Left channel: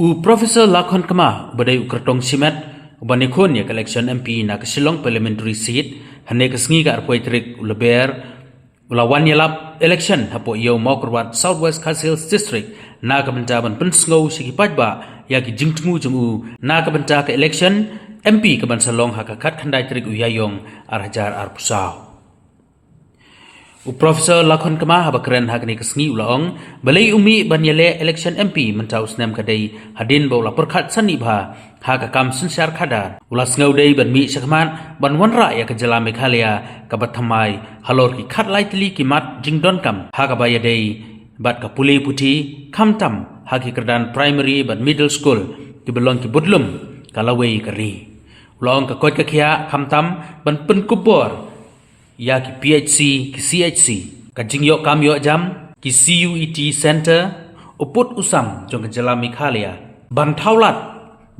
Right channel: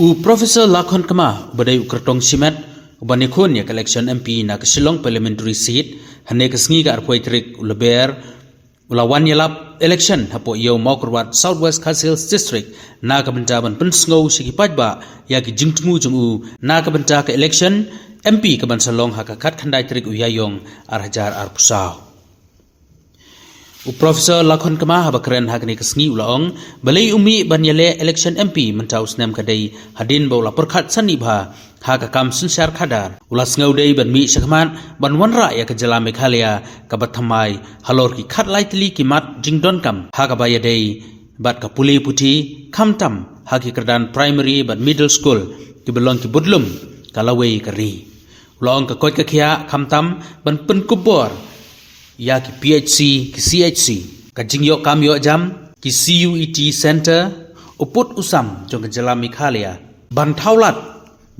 Profesor Lakhon Kama badai ukertong simet ubanikun ya election MP na Shillong parliamentary seat hane kesngi ka arpoi trik uleber ulawan yalap election hapo iyo mokrwat Southwest Khasils district na kabantaban pensngau sikipaj ba ya ki jingtmu jumu na kabanta ka election MP kaban salong hakakat khandai trik uyayong arhajar arpusau. Profesor Lakhon Kama habakren hakni kesngi ulaong balai umi banyale election MP mentau snem kadai hadin baula perkhat sani bha hakakam sunsyar khada ulas ngaudai ban mi sakman ban wanra ya kejala Meghalaya kabathamai halor ki khat laitli kimat jingdon kam hakabaya dei bat ka puli puti khamtam haki kerdan primary ban middle school ki belong ki budlum kalawei kari ulaong ka kot ka khia khamtam ban penkubor ya ki PHC ki CHC ka jingyo kamyo jam ki CUET center uput usam jong kejala Meghalaya ban thaulat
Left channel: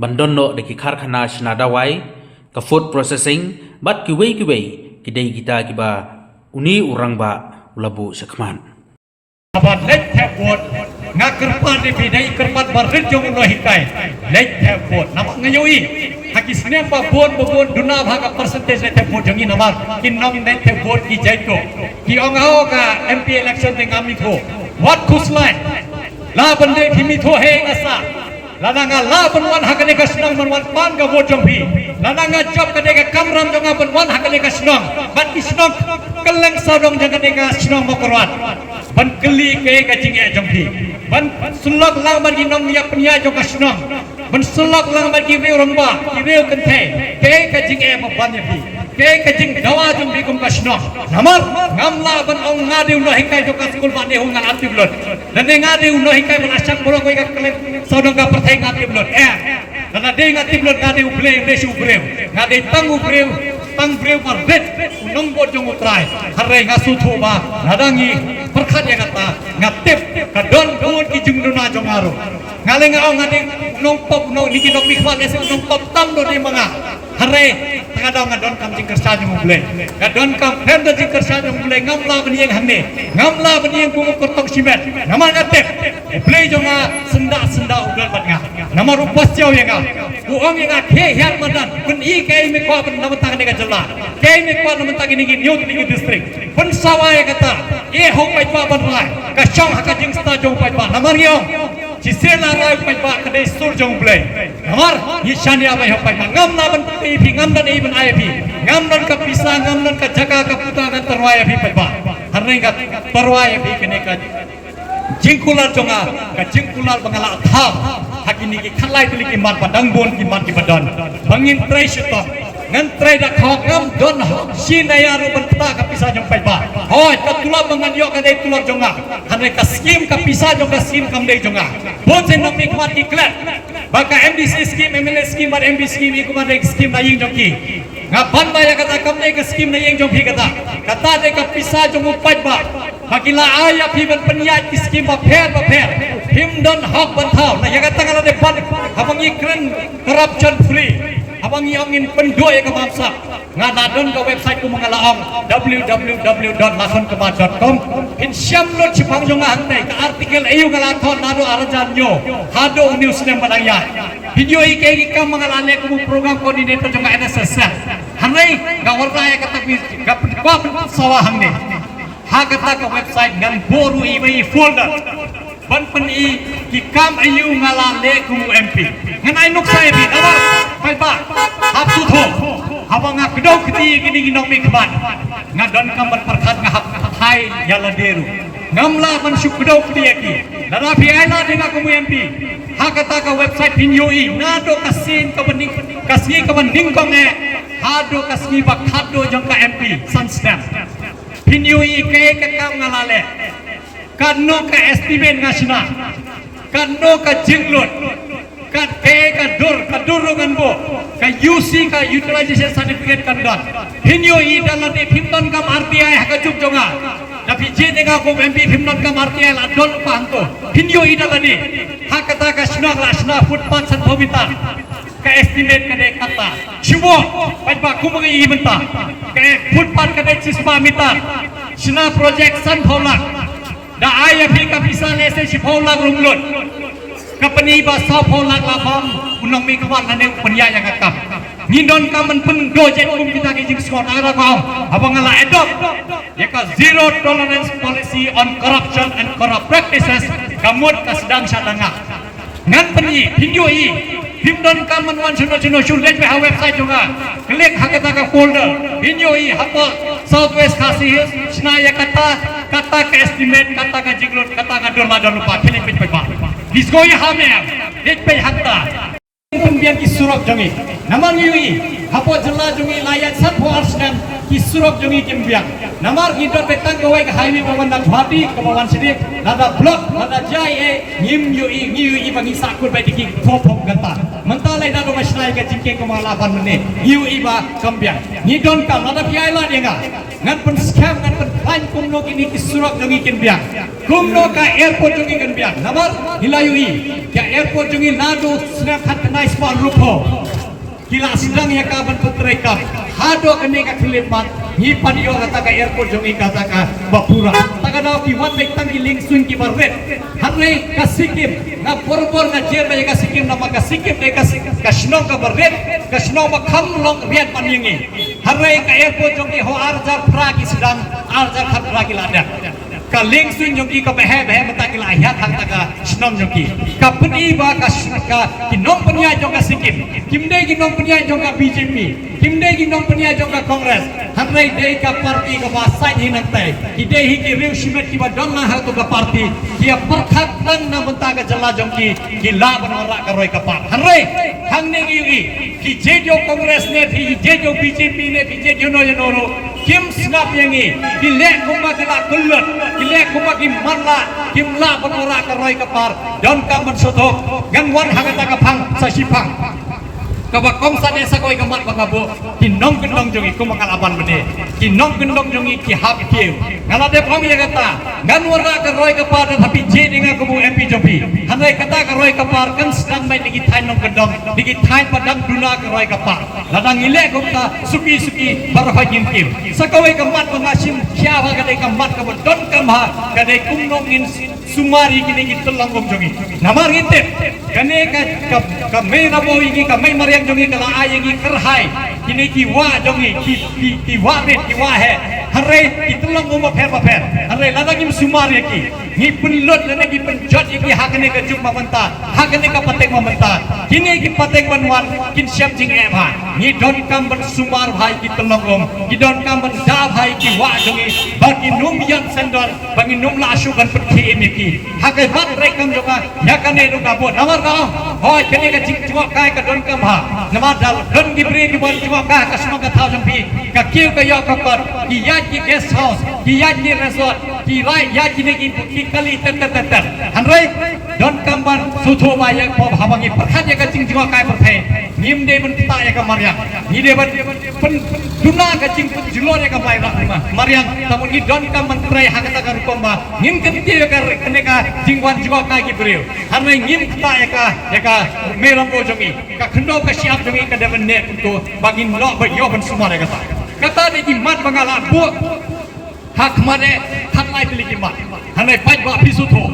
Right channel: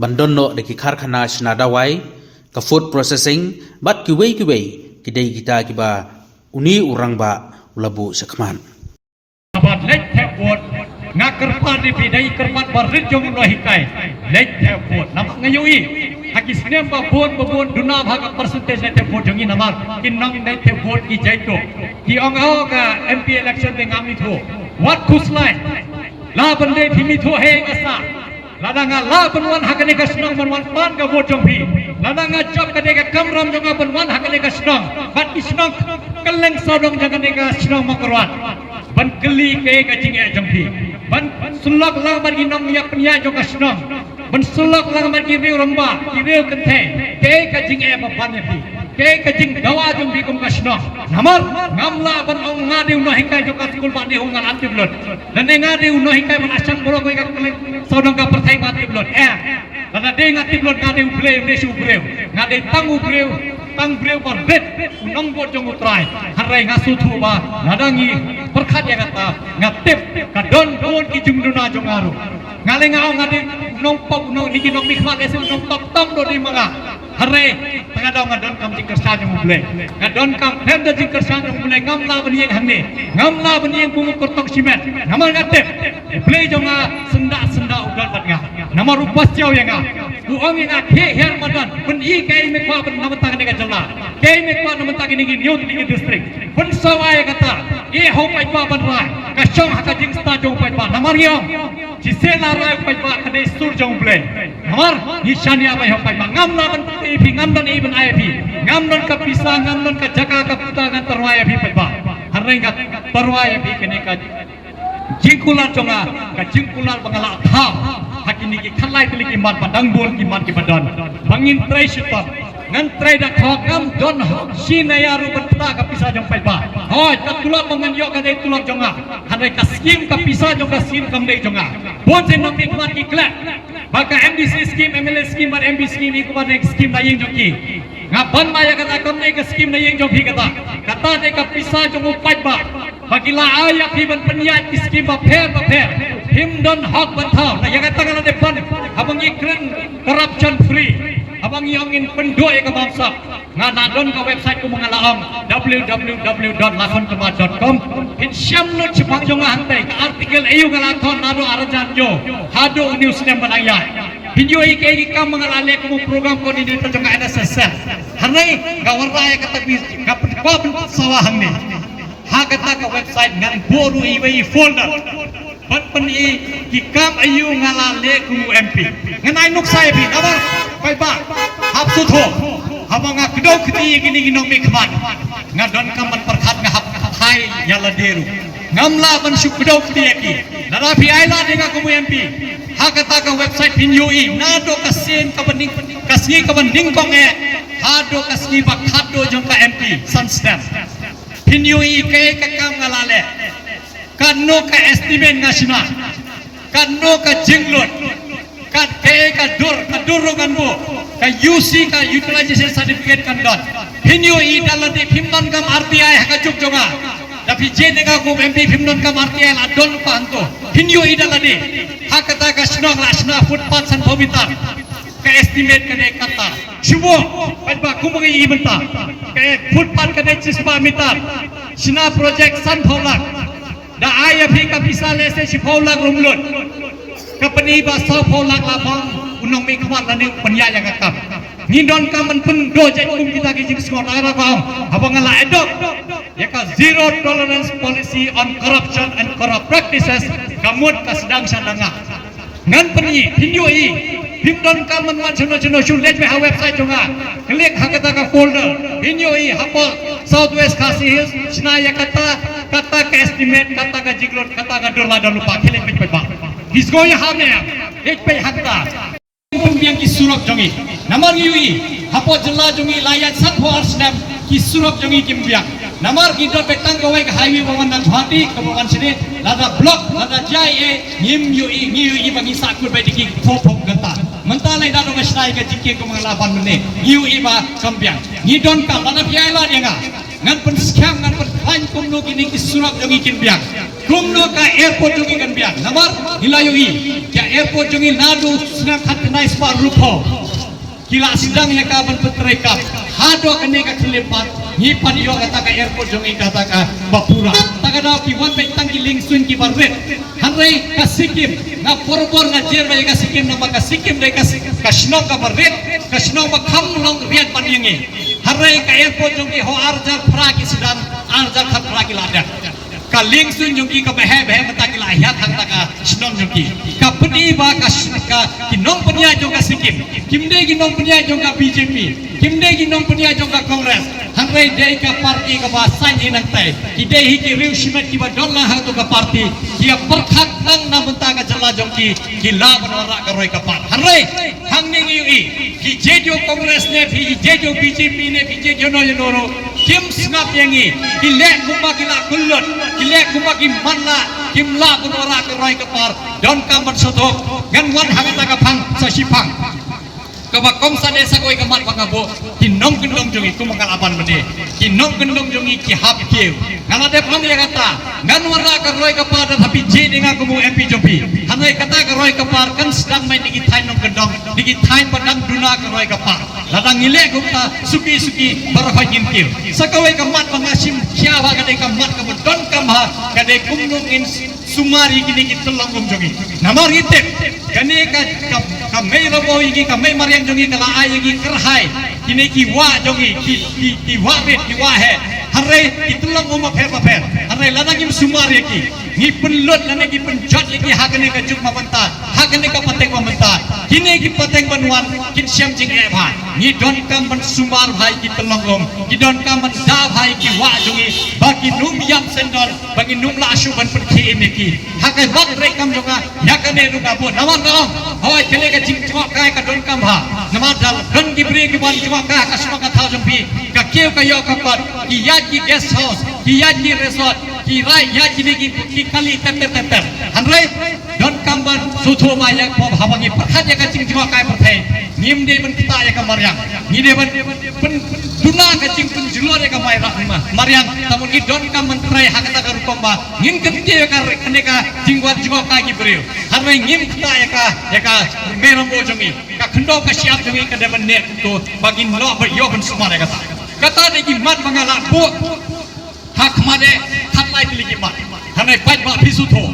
ban donno de ki kharkhana snadawai ka food processing bat ki wei ki dei kita ki ba uni urang ba labu sakman abat let have vote nga kerpat di pidai kerpat barit jong no hikai let have vote namak ngayoi hakis nem ba vote duna bhaga percentage let have vote jangi namar kin nom let have vote ki jaito ki ongao ka MP election te ngami tho what kuslai la bande phimi tho he asa ladanga la banwan hakane ka snang banwan pan ka vote jong phi ladanga job kade ka kamram jong banwan hakane ka snang bat isnong keleng sadong jangane ka snang mokorwat ban keli ke ka jinge jong phi ban sulak lang bagi nom yak penya jong ka snang ban sulak lang bagi reu ramba ki reu kenthe ke ka jinge ma ban phi ke ka jing dawa jong phi kum ka snang namar ngamla ban ong ngadiu no hikai jong ka skul ban ne hong ngal apti blot dan ne ngadiu no hikai ban asak borok ka keleng sadong ka perthai ngati blot Nana de ngati blot ngade ubreu resu ubreu ngade tangu breu tang breu par bet nombo jong utrai harai ngasu thuba nadangi perkhat ya kata ngatip kadon bon ki jungduna jongaru ngale ngau ngade nompok no niki nok mikhwa lese nompok tam do di manga harai ngadau ngadon kam jing kersa jong ble ngadon kam hem do jing kersa jong ble ngamla banieng hamne ngamla banieng bungu kurtok simet nama ngatip ble jonga senda udol batnga nama rupas jauh yang uang yang ke yang madan pun i kai me kwa pun nama tangan dengan jela kai me kwa nama tangan ini nyut ini distrik pun sawai kata ye hong pai pa ban wai ka chong ha ka jing sta jong pai pa namar yong ci sela rai pai pa ka dei sur jong ble namar ni shania bai hong pai pa ngam na ban ti phi ngam dan even ai phi ngam nan ka pisa ngam nan ka jaga ka puta ngan terwaya phi pai pa haring ka terwaya phi kene ka jingkular jonga ka jingkular bangala thap hakini ki khalai tili ki man padang bon ki man ki badan bangin trai syuta ngan trai dak hokam don sinaya ru benta ka pisa jong pai ba hoi ka tulak bangan yo ka dei tulak jonga hanai ka skim ka pisa jong ka skim kam dei jonga bon se nok nik mat ki klat baka MDC skim MLA skim bar MB skim i kuma dei skim na ying jong ki ngaban ma ya kata kam dei ka skim na ying jong phi kata dei ka pisa jong upai ba Bakila ayah piban penyat iskim baper him don hak bertau na yang kata ngala depan abang iklan corruption free abang yongin pendua ya ke bangsa ngana don ke website ku mengalaong www.lakhonkema.com insyam lo cipang jonga hantai ke artikel ayu ngala thon nado arajan yo hado news nem manaya video iki kam mengalale ku program koordinator jonga NSS hanai gawarta ya kata gap sawah hangne hakata ka website ngan boru ibai folder ban peni kikam ayu ngalale ku MP ngan ai nuk sai bi abar pai ba hap su tho habanga kedau keti gini ginok mi khaban ngadon kamban perkhat ngahap thai yala deru ngamla ban su kedau keti aki dara pi ai la denga ku MP hakata ka website pinjoi nado kasin ka bening kasni ka bening kong hado kasni ba khado jong ka MP sunstamp Pinyui ke kakam ngalale kadno ka estimate ngasina kadno ka jinglot kad ke ka dur ganbo ka UC ka utilization certificate kandon pinyui dalate phimton kam RTI hakajuk jonga tapi je dega ko MP phimton kam RTI la don panto pinyui dalade hakata ka snong lasna footpath san bhobitar ka estimate kade kata chubo pajba kumangi ibenta ka footpath kade sispa mitar sina project san pholak da IFP ka bisa lese si pholak rumlot kapani ba sapo lak lapam unong mi kwat lane upanya yang akap ngindon kamen pun dojet kum kita ke jing skor ara kaum abang ala adopt ya ka zero tolerance policy on corruption and corrupt practices kamut ka sedang sadanga ngan pani hinjoi himdon kamen wan chano shulet me ha website jonga klik hakata ka folder hinjoi hapo southwest kasih snaya kata ka estimate kata ka jiglot kata ka dolar lupa klik pe pa Bisgoya hamnya, ek pe hakta. Pembiang kisurok jongi, namar yui, hapo jela jongi layat satwa arsnam kisurok jongi kimbiang. Namar kita petang kawai ke highway memandang hati kemauan sini, lada blok, lada jai yui bagi sakur baik diki pop gata. Mentah lain dah rumah senai ke jingke kemalapan menit, yui ba kambiang. Ngidon kam lada piai lah dengar. Ngan pen scam ngan pen lain kumno kini kisurok jongi kimbiang. Kumno ka airport jongi kimbiang. Namar hilayui, ya airport jongi nadu snap hat kenai spot rupo. Kila sedang ya kaban petrekap. Hado kene ka kelepat. Ni padio kata ka airport jongi kata ka bapura. Taka nau ki wat baik tangki lingsun ki barret. Hanre ka sikim na porbor na jer baik ka sikim nama ka sikim dai ka snong ka barret. Ka snong ma kham long riat paningi. Hanre ka airport jongi ho arjar pragi sedang arjar khat pragi ladak. Ka lingsun jongi ka behe mata ki lahiat hang taka snong jongi. Ka peni ba ka kinong penia jong ka sikim. Kimde kinong penia jong ka BJP. Kimde kinong penia jong ka Kongres. Hanre dei ka parti ka basai hinang tai ide hi ki riu simet ki badon la ha tu ka parti kia perkhak tang na benta ka jela jong ki la banara ka roi ka par hanre hang ning yui ki jejo Kongres ne thi jejo BJP ne bi jejo no yoro kim snap yangi ki le kuma ki la kullut ki le kuma ki manla kim la banara ka roi ka par don ka man sutok gan wan hangata ka phang sa sipang kabakong sa desa ko ikamat pagabo kinong kendong jongi ko makalaban mene kinong kendong jongi ki hap kiu ngala de pang ya kata ngan wara ka roy ka par tapi je dinga ko mo MP jopi hanai kata ka roy ka par kan sedang mai digi thai nong kendong digi thai padang duna ka roy ka par ladang ile ko ta suki para ha jin kiu sakawai ka mat pangasim kya ba ka de ka mat ka don ka ma ka de kumnong in sumari kini kita langkom jongi namar ngitip kane ka mai rabo iki ka mai mariang jongi kala ayegi kerhai kini ki wa jongi ki wa bit ki wa he hare itulang mo pher hare lana kim sumari ki ni penlut lana ki penjot iki hakane ka juk mamenta hakane ka pateng mamenta kini ki pateng banwan kin syam jing e bha ni don kam ban sumar bhai ki telongom ki don kam ban da bhai ki wa jongi bagi num yam sendon bagi num la asu ban perki ini ki hakai mat rekam juga yakane lu ka bo namar dalam hoy kene ka jing jingok kai ka don kam bha namar dal don ki bre ki ban jingok ka ka semua ka thau jong pi ka kiu ka yo ka kot ki ya ki guest house ki ya ki resort ki rai ya ki ne ki kali ter hanre don kam ban sutho ba ya ko habangi perkhat ya ka jing jingok kai perthai nim de ban ta ya ka maryang ni de ban pen duna ka jing pen julor ya ka mai rahma maryang tamun ki don kam ban prai hakata ka rukom ba nim ke ka kene ka jingwan jingok ka ki breu hanre ngim ta ya ka merom bo jongi ka khndo ka siap jongi ka de ban ne ko bagin lo ba yo ban sumare kata de ki mat bangala bu hak made khat lai pili ki mat hanai pat ba pisu tho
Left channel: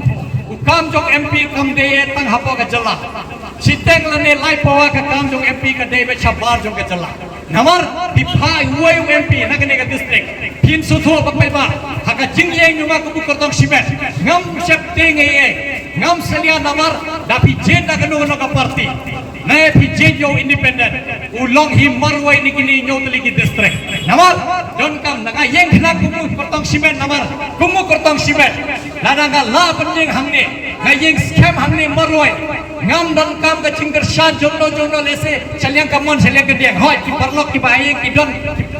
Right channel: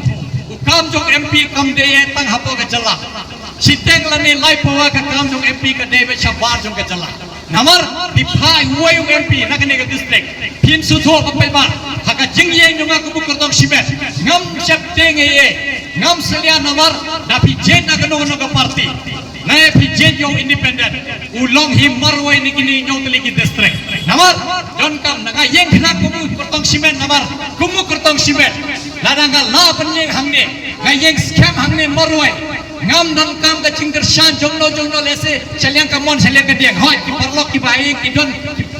ukam jong MP kam de ye tang hapo ka jala siteng lane lai pawa ka kam jong MP ka de be chabar jong ka jala namar bipha uwe MP na kene ka district pin su tho ba pe ba haka jing ye nyunga ku kortong simet ngam sep teng ye ngam selia namar dapi jenda kanu ka parti nae PJ yo independent ulong hi marwai ni kini nyotli ki district namar don kam naga yeng khna kumu kortong simen namar kumu kortong simen lananga la penyeng hangne nga yeng scam hangne marwai ngam don kam ka chingker shan jongno lese chalyang kamon chalyang gedeng hoi ki parlok ki bai ki don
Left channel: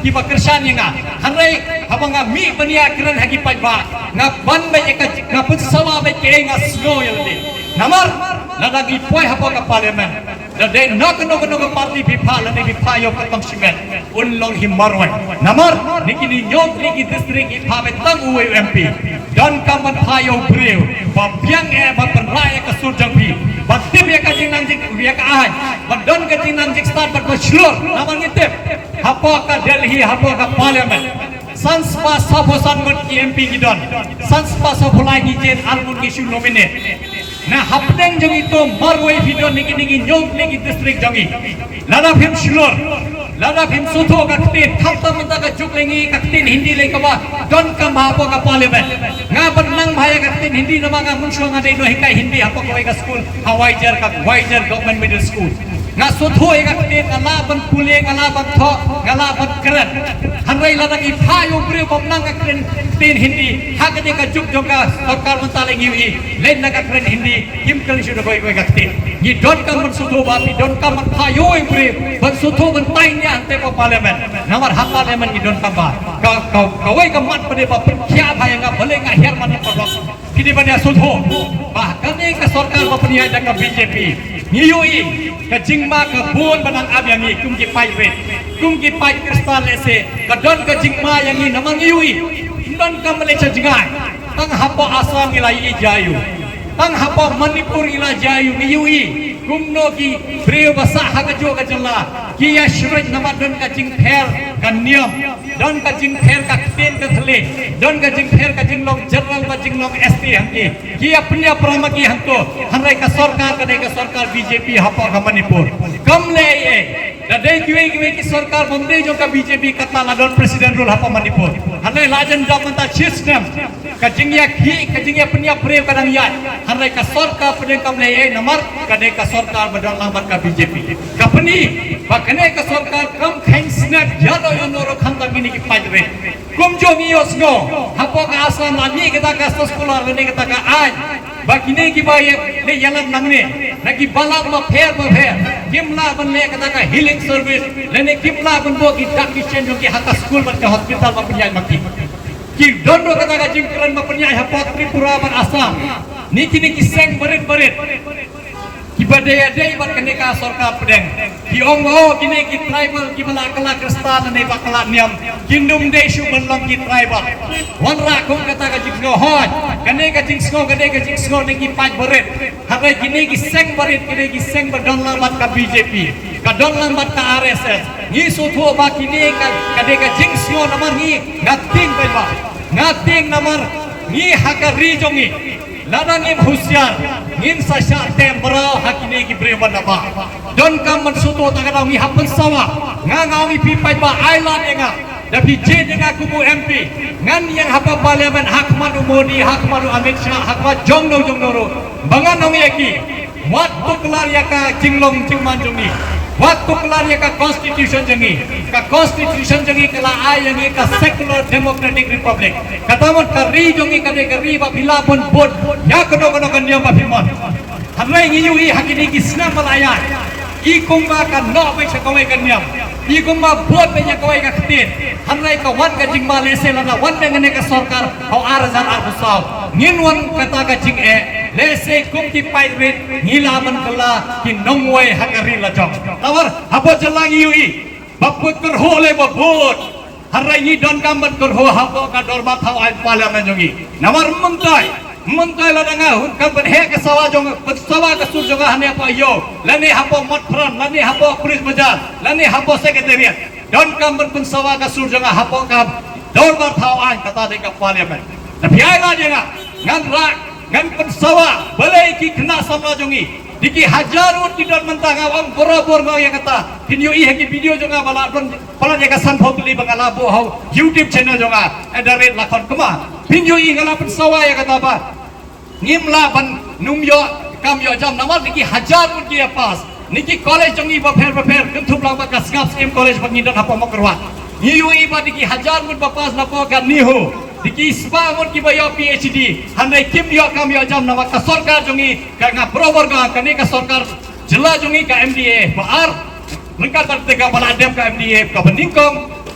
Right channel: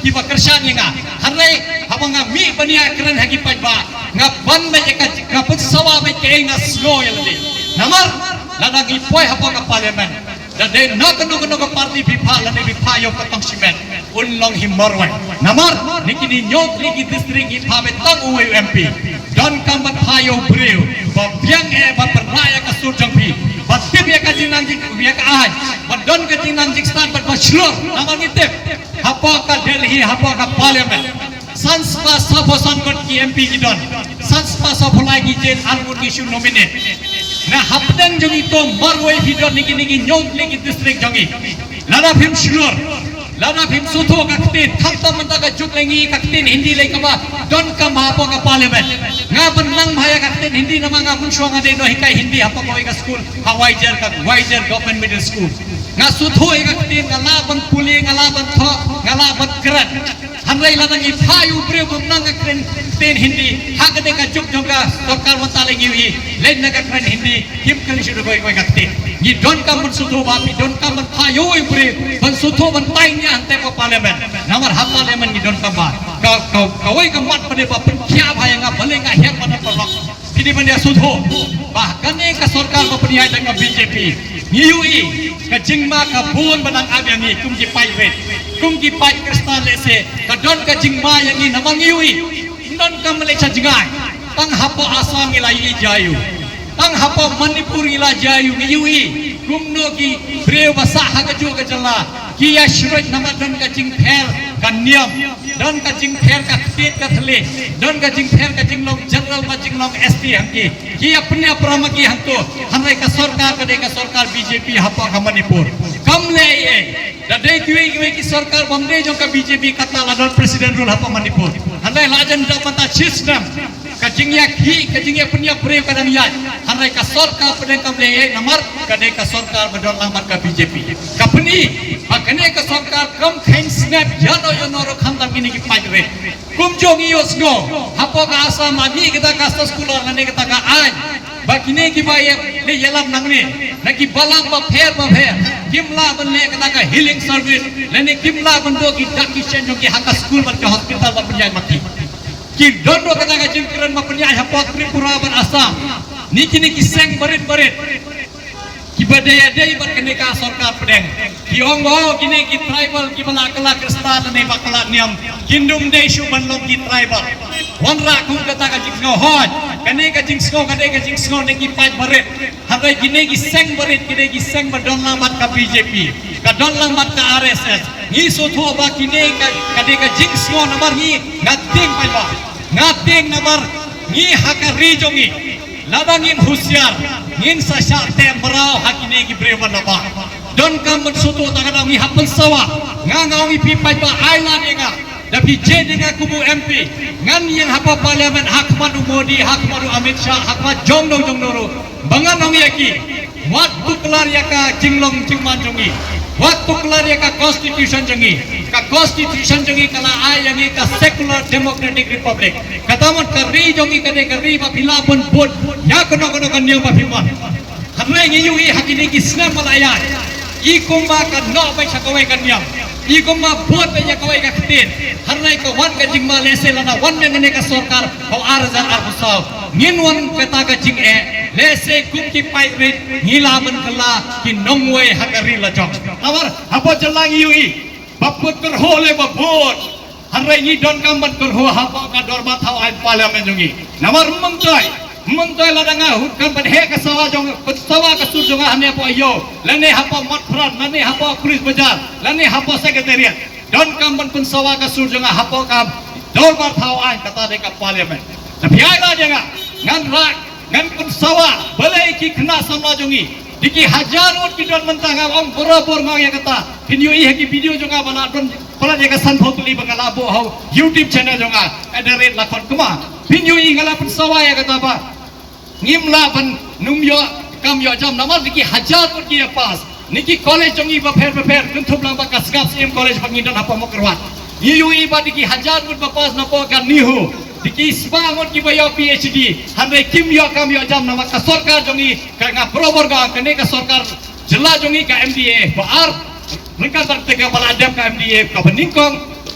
ki bakersan yenga hanre habanga mi bania keren hagi pajba nga ban ba eka nga putsawa ba ke nga slo yelde namar ladagi poi hapo ka parliament Dade nak no ka parti bipha lane bipha yo katang simen unlong himarwai namar nikini nyok ligi district ipha be tang uwe MP don kamban phayo breu ba biang e ba penraya ka surjang pi ba tip ya ka jinang jik ya ka ai ba don ka jinang jik start ba shlor namar ngitip hapo ka Delhi hapo ka parliament sanspa sabosan got ki MP ki don sanspa sapulai ki jen armun ki shu nominate na hapneng jong ito marway video niki nyong legi district jongi lada phim slur lada phim sutho kaktin thapta manta ka juklengi kaktin hindi lay ka ba don ka mahapo ka parliament nga banlang bahaya kaktin hindi na mga munswa nga no hikay hindi hapo ko ka school Hawaiier government middle school nga sutho kaktin ngalaban puli ngalaban tho ngalaban kran hanray ladang ipayo bri bop nang kaktin tin hindi hagade ka juk joka sarkar mantaling iwi len na kaktin hindi kim kal shudo boy kaktin ni don ka man sutho bapi don ka man payo bri ban sutho man tain ya ante po parliament namar ha parliament ni don ka ba kawai ka mat pade ba kya bhai nga bhale nga her man ko lok kini bania sutho bahkan ka sarkar ba paniya jang BJP ngiyui ka jingma ka buon banang abyang ni kumji pai red kumji pai kristal lese ka don ka jingma yang ni namang ngiyui don ka malaysia jingai tang hapo asam ila yi jayu tang hapo manipur ila jayu ngiyui kumno ki breu basa ha ka jo ka jalla ki ya shroj nama don ka jing pher ka niam don ka jing pher ka kten ka thale don ka jing pher ka jinglong general ba jinglong ST hangki ki apne prama ki hangko hanrai ka sarkar BJP hapo ka manipur kamle ye dadai kiwe ki sarkar bamde jo ka BJP katala don president rule hapo manipur hanrai lajan jamanta system ka jingya punya breu kadang yat hanrai ka sarkar puden kamle ye namar kadai ka sarkar badon lambat ka BJP kapni bakane ka sarkar kam khain snap yado yonoro khandam gini ki pajre kum jongi yosno hapo ka asam ami kita ka sekolah lene kita ka aj bakine ki baye le yalam nangne naki balang ma pher kimla banle kita ka healing service lene kimla banbo ki dakishen ki haka school ban ka hospital ma punya makti ki dondo kita ka jingkran ma punya hapo Tripura ban asam niki seng barit ki badaya dei ban kene ka sarkar pedeng ki ongwo kini ki tribal ki balakala kristal ne bakala niam kindum dei shu banlom ki tribal wanra kum kata ka jingno hoj kene ka jingsno ne ki paj barit hagai kini ki seng barit kini ki seng badon lambat ka BJP ka don lambat ka RSS ni so tho ba kini ka kade ka jingsno namar ni ngating namar ni hakari jongi ladangim husyar ngin sa syartem berau hakine ki brewan nama don kam suto takana mi hapen sawa nga mi pipai ba island enga tapi je dengan kubu MP ngan yang hapa parliament hak manu Modi hak manu Amit Shah hak ma jongno ro bangan nong yaki wat tuklar yaka jinglong jingman jongi wat tuklar yaka constitution jongi kala ai yang ka secular democratic republic katamon kari jongi kari ba pilapon bot ya kono kan niam ba pilmon hamai ngi yui hakini ki Islam malaya i kumba kan no ba sakawai kan niam i kumba bot ba yakawai ka ktin hanai ka wat ka jingma lese lana wan ngene ka sarkar ho arzan arusau ngin wan kata ka jing lese kum ki pai rit ngilaman kala ki nongwai hakari la jong tawar hapo jelang yui baput terhole babot harai ni don kamban kerho hapo ka dormat hawai parliament jongi namar mentai la danga kan berhe ka sawa jong sawa ka sur jong hane apa yo lane hapo matran lane hapo pulis bajar lane hapo secretariat don kamban pun sawa ka sur jong hapo ka dormat hawai kata de ka parliament tapi ai la janga ngan pun sawa balai ki kena samla jongi diki hajarun ki don mentang awang boro-boro ngau yang kata video hagi video jonga bala don pala jaga san photuli bangala bo hau YouTube channel jonga @rate lakon kema video ngala pun sawa ya kata ba ngimla ban numyo kam yo jam namar diki hajar pun ki pas niki college jongi ba pher kuntup lang ba kasgap sem college pangindon apa mo kerwat yui ba diki hajar pun ba pas napo kan nihu diki sbangon ki bayo PhD hanai kim yo kam yo jam nama ka sarkar jongi ka nga prover ga kane ka sarkar jila jongi ka MDA baar mereka tertega bala adam ka MDA ka beningkong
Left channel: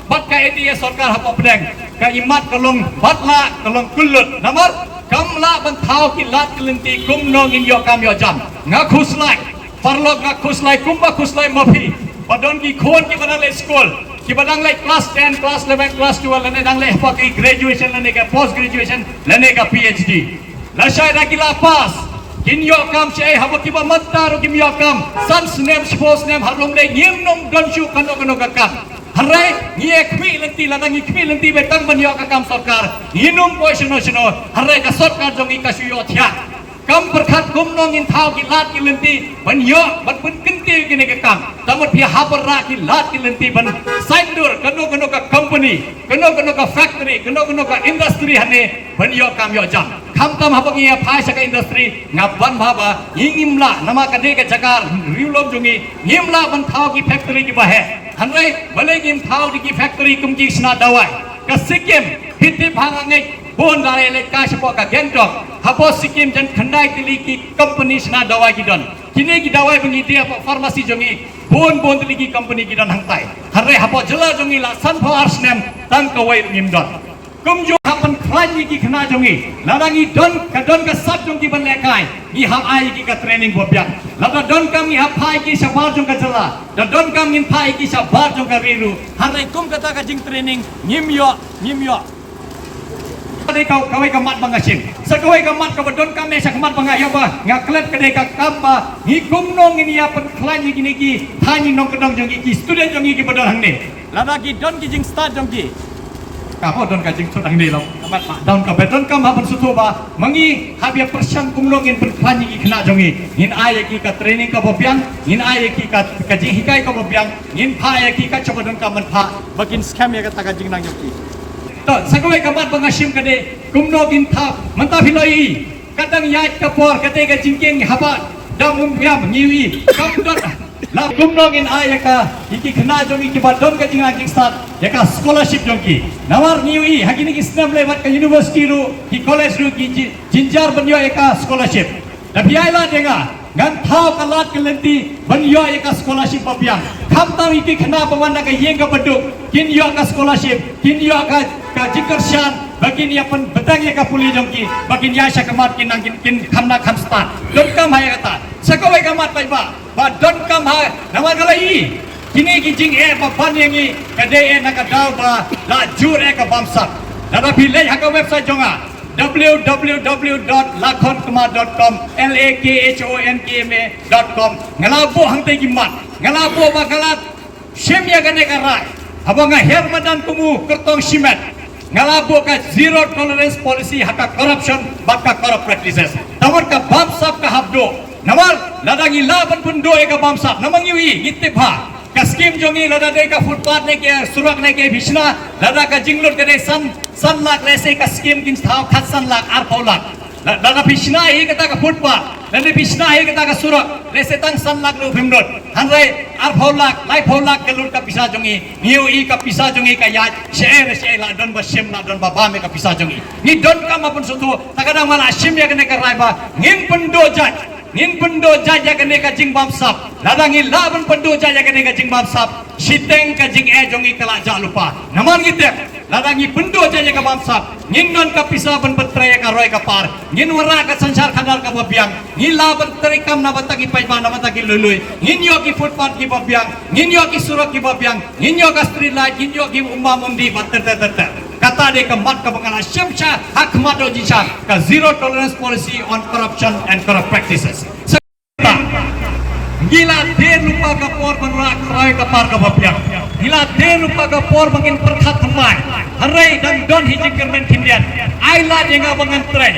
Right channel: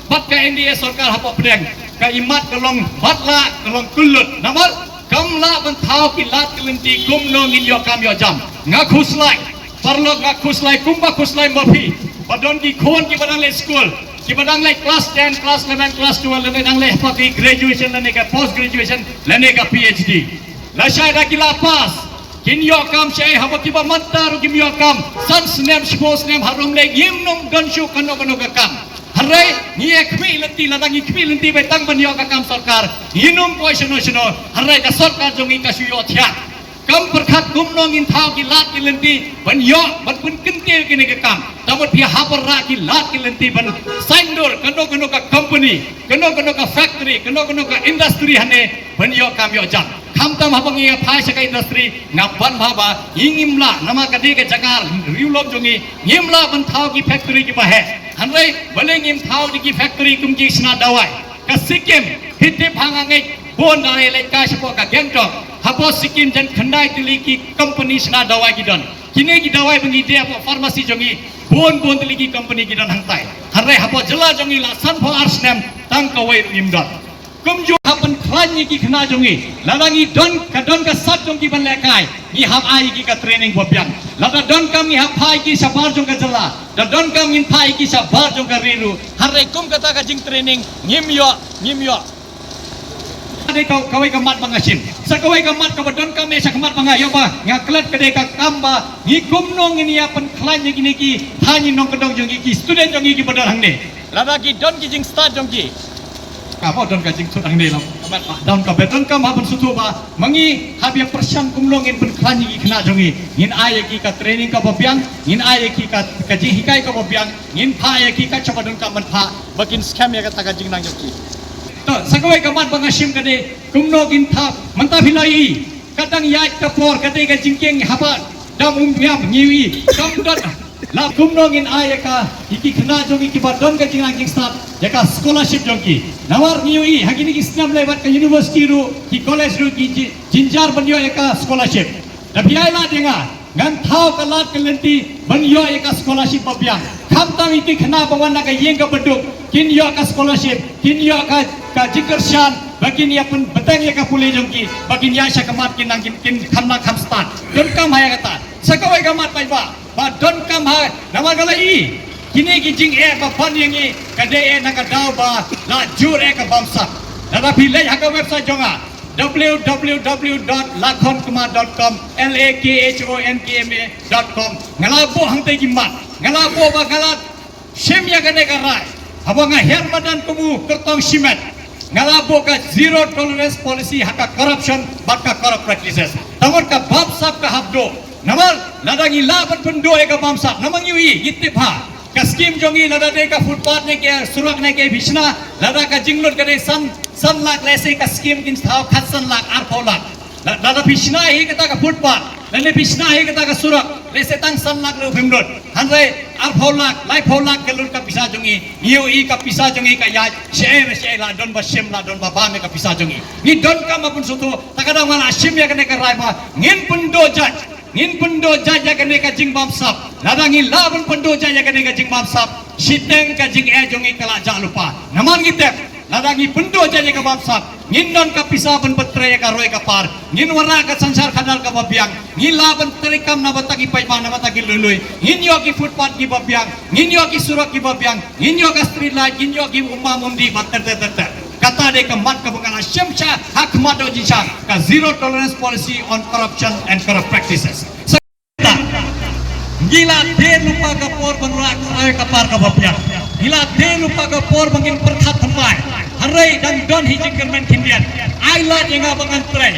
bat ka MDA sarkar hapo pedang ka imat kalong batla kalong kulut namar kamla ban thau ki lat kelinti kumno ngin yo kam yo jam nga khuslai parlok nga khuslai kumba khuslai mafi padon ki khon ki banang le school ki badang le class 10 class 11 class 12 lane dang le pa ki graduation lane ka post graduation lane ka PhD la shaida ki la pass kin yo kam shei habo ki ba mattaro ki yo kam san snap sports name harlung le ngim nom gan shu kano ka kan harai ni ekmi lenti ladang ekmi lenti betang ban yo ka kam sarkar inum poison harai ka sarkar jongi ka shu yo thya kam perkhat kumnong in thau ki lat ki lenti ban yo ban pun kenti ki ne kam tamut phi habar ra ki lat ki lenti ban saindur kano ka company kano ka factory kano ka industry hane ban yo kam yo jam kham tam habang ya phai saka industry ngaban bhaba ingimla nama kade ke jaga riulom jongi ngimla ban thau ki factory ki bahe hanrai bale ngim thau ki factory kum ki sna dawai ka sikim hitte bhangangai bon dai le ka spo ka gengtok habo sikim jan khandai tili ki company sna dawai ki don kini ki dawai bengi dia farmasi jongi bon tili ki company ki don hangtai hanrai habo jela jongi la sunflower snem tang kawai ngim don kum jo hapan khlani ki khna jongi ladangi don ka sat jongi ban lekai ni ham ai ki ka training bobiak lada don kam ni hapai ki sabar jong ka jela dan don kam ngin pai ki sabar jong ka riru harai kum kata ka jing training ngim yo ade kawai ka mat bangasim sa kawai ka mat ka don kam sa kamat banga yo ba ngaklet ka de ka kamba ni kum nong ni apan khlani ki ni ki thani nong ka dong jongi ki student jongi ki badal hang ne lada ki don ki jing start jongi kamu don kajing sudang ni lau kamat mak don ka beton kam haban sutu ba mangi habia persyang kumlongin pen khani ki khna jongi ngin ai ki ka training ka bobiang ngin ai ki ka kaji hikai ka bobiang ngin pha ya ki ka chaba don ka man pha bakin scam ya ka ta kajing nang joki to sakawai kamat bangasim kade kumlongin tha manta philoi kadang yat ka por kate ka jingkeng haba dam ngam ngiwi kam dot la kumnongin ayaka iki khna jongi ki badon ka jingna ki start yaka scholarship jongi nawar niwi hagini ki snam lewat ka university ru ki college ru ki jinjar banyo yaka scholarship dabiai la denga ngan thau ka lat kelenti banyo yaka scholarship babiang kham tam iki khna bawana ka yeng ka baduk kin yo ka scholarship kin yo ka jikershan bakin ya pen betang ya ka puli jongi bakin ya syakamat kin nang kin khamna kham start don kam haya kata sakawai kamat pai ba don kam ha nama kala i kini ki jing ba ban yang i kade na ka dau ba la jur ka bamsa nada pilai ha ka website jonga www.lakhonkma.com lakhonkma.com ngalabo hangtai gimat ngalabo ba ngalat semya gane karai abanga hermadan kumu kertong simet ngalabo ka zero tolerance policy haka corruption baka corrupt practices tawar ka bamsa ka habdo namar ladangi laban pundo eka bamsa namang yui gitte pha ka scheme jongi lada de ka footpath ne ke surak ne ke bishna lada ka jinglot ka de san lak lese ka scheme kin thau khat san lak ar paulak lada bishna hi kata ka footpath lele bishna hi kata ka surak lese tang san lak lu bimrot hanre ar paulak lai paulak ke lut ka pisa jongi yui ka pisa jongi ka ya share la don ba shem la don ba ba me ka pisa jongi ni don ka mapun sutu takadang mana shem ya kene ka rai ba ngin pundo jaj ngin pundo jaja kene ka jing bamsap ladangi laban pundo jaja kene ka jing bamsap siteng ka jing jongi kala ja lupa naman gite ladangi pundo jaja ka bamsap ngin non ka pisa ban betre ka roy ka par ngin wara ka sansar khandar ka babiang ngin laban terikam na batagi paiba na batagi lului ngin yo ki footpath ki babiang ngin yo ki surat ki babiang ngin yo ka street light ngin yo ki umma mundi batter kata de ka mat ka bangala syamsha hak mado jisha ka zero tolerance policy on corruption and corrupt practices gila de lupa ka por banrak rai ka par ka bapya gila de lupa ka por bangin perkhat thamai harai dan don hijing kermen kindian ai la jenga bangan trai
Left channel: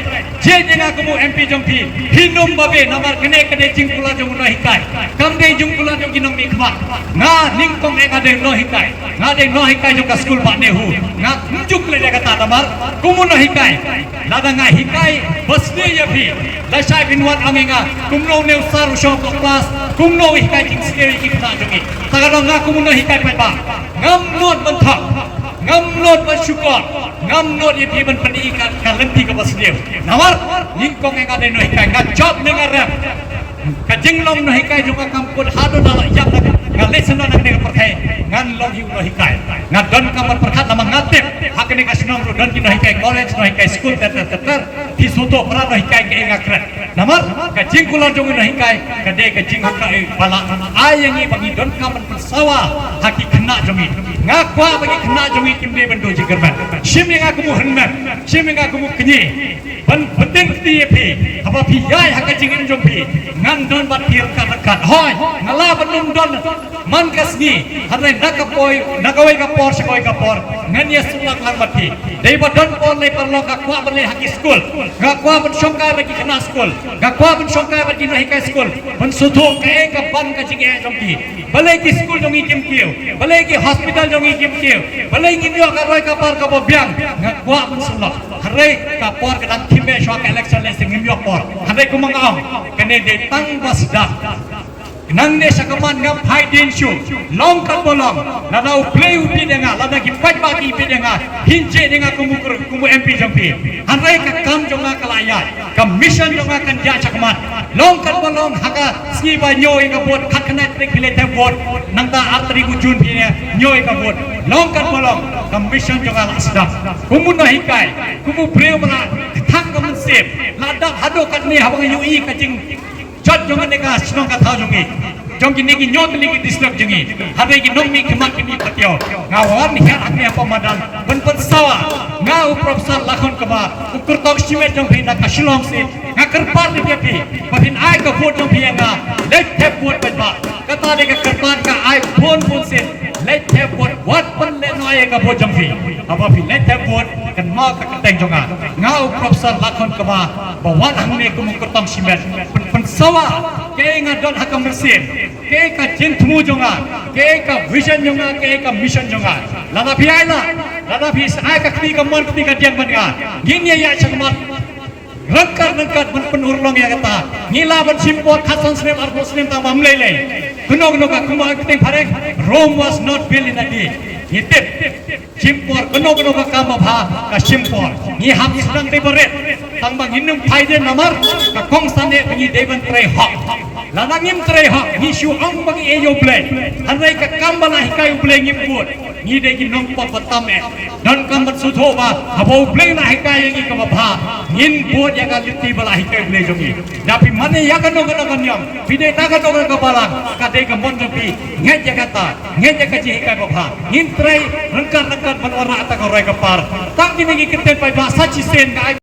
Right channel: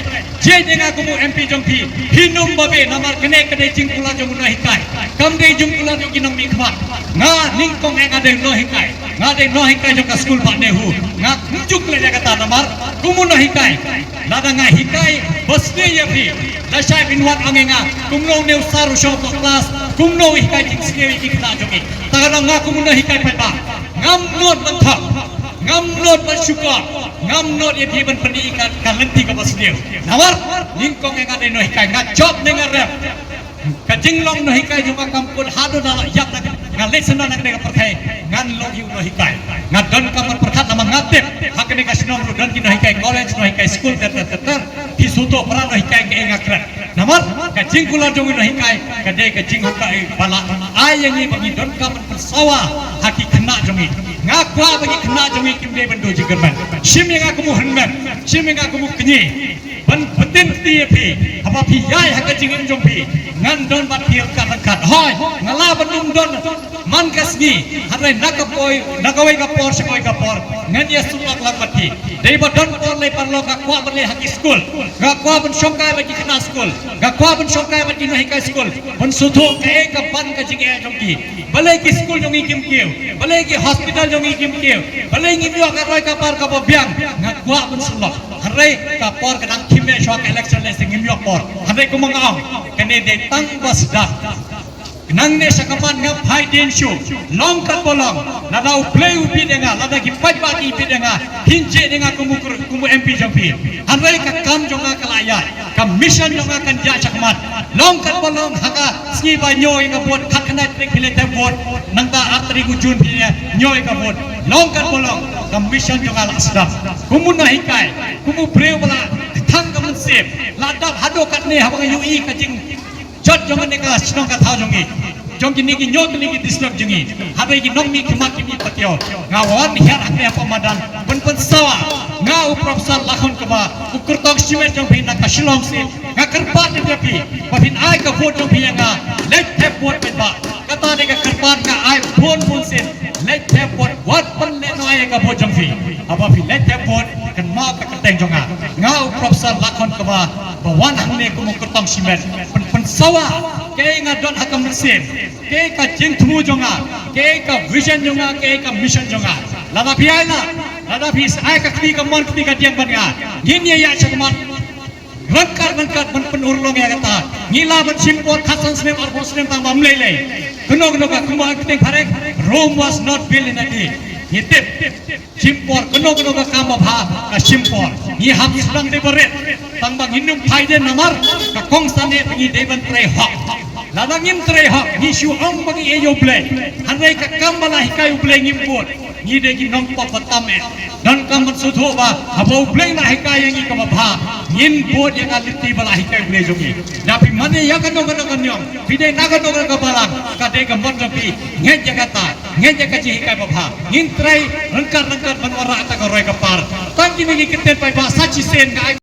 je jenga kumu mp jongthi hinum babe namar kene kene jingkula jong no hikai kam de jingkula jong ginam mi khmat nga ningkong eng ade no hikai nga de no hikai jong ka school ba ne hu nga njuk le kata namar kumu no hikai lada nga hikai basne ya phi la shai binwan angenga kumno ne saru shop class kumno hikai jing skeri ki khna jongi tagara nga kumu no hikai pai ba ngam not mantha ngam not masyukor ngam not ye phi ban pani ka lenti ka basne namar ningkong eng ade no hikai nga job ne ngarep ka jinglong no hikai juga kampun hado dala yak nga lesena na kene perthai ngan long hiu no hikai nga don kamar perkhat nama ngatep hakene ka sinong don ki no hikai college no hikai school ter hi suto pra no hikai ke ngakran namar ka jingkula jong no hikai ka de ka jing hikai pala ayangi bagi don kamar persawa haki kena jongi ngakwa bagi kena jongi kimde bendo jigerman sim yang aku mu henman sim yang aku mu kenyi ban penting ti pi apa pi yai hak jingim jong pi ngan don bat pi kan hoi ngala bandum don man kasgi harai nakawai ka por sekoi ka por ngan ya sulak lang bat pi dei badon por le parlo ka kwa bale hak school ga kwa ban songkai bagi kena school ga kwa ban songkai bagi no hikai school ban suthu ka ban ka jinge jong ki bale ki school jong ikim kiu bale ki hospital jong ikim kiu bale ngimyo ka roi ka par ka bo biang ga kwa ban sulak harai ka por ka dang thime shwa ka election le sing ngimyo por harai ku mangam kene de tang basda nang ne sakaman ngam hai ding shu long kat bolong lana u play u pidenga lana ki pat ma ki pidenga hinje denga kumu MP jampi harai ka kam jonga kalaya ka mission jonga kan ja sakaman long kat bolong haka ski ba nyoi ka bot khat kana trek pile te bot nang ta arteri ku jun pi nyoi ka bot long kat bolong ka mission jonga la sedap kumu no hikai kumu preu bala thang ka man sep ladap hado kat ne habang ui ka jing jot jongan ne ka snong ka thau jongi jong ki ne ki nyom ne ki dislok jongi habe ki nong mi kemak ki patyo ngawan hian akne pamadan pen sawa ngau profesor lakhon ka ba ukur tok simet jong phi na ka shilong si ngakar pat ne pi patin ai ka phut jong phi nga let tap pot ben ba kata ne ka karpan ka ai phun sen let tap pot wat pen le no ai ka phut jong phi apa phi let tap pot kan ma ka teng jonga ngau profesor lakhon ka ba bawan hang ne ku ukur tong simet pen sawa ke ngadon hakam mesim ke ka jintmu jonga ke ka vision jonga ke ka mission jonga lada phi ai na lada phi ai ka kli ka man kli ka diang ban nga ngin ya sakmat rangkat ban penurlong ya kata ngila ban simpot khasan snem ar muslim ta mamle le kuno ka kuma keteng pharek Rome was not built in a day hitip simpor kuno ka kama bha ka simpor ni ham serang de beret tang bang hinum phaide namar ka kong sane pengi deban tre hok lana ngim tre hok ni shu ang bagi eyo ble hanai ka kambala hikai ble ngim bot ni de ki nong pa patame dan kambat sutho ba habo ble na hikai yang ka bha ngin bot ya ka litti bala hikai ble jogi dapi mane ya ka no ka nyam pide na ka no ka balang ka de ka mon jogi nget ya kata nget ya ka ji hikai bha ngin tre rangkat ban ora ta ka roi ka par tang ni ki kete pa ba sachi sen ka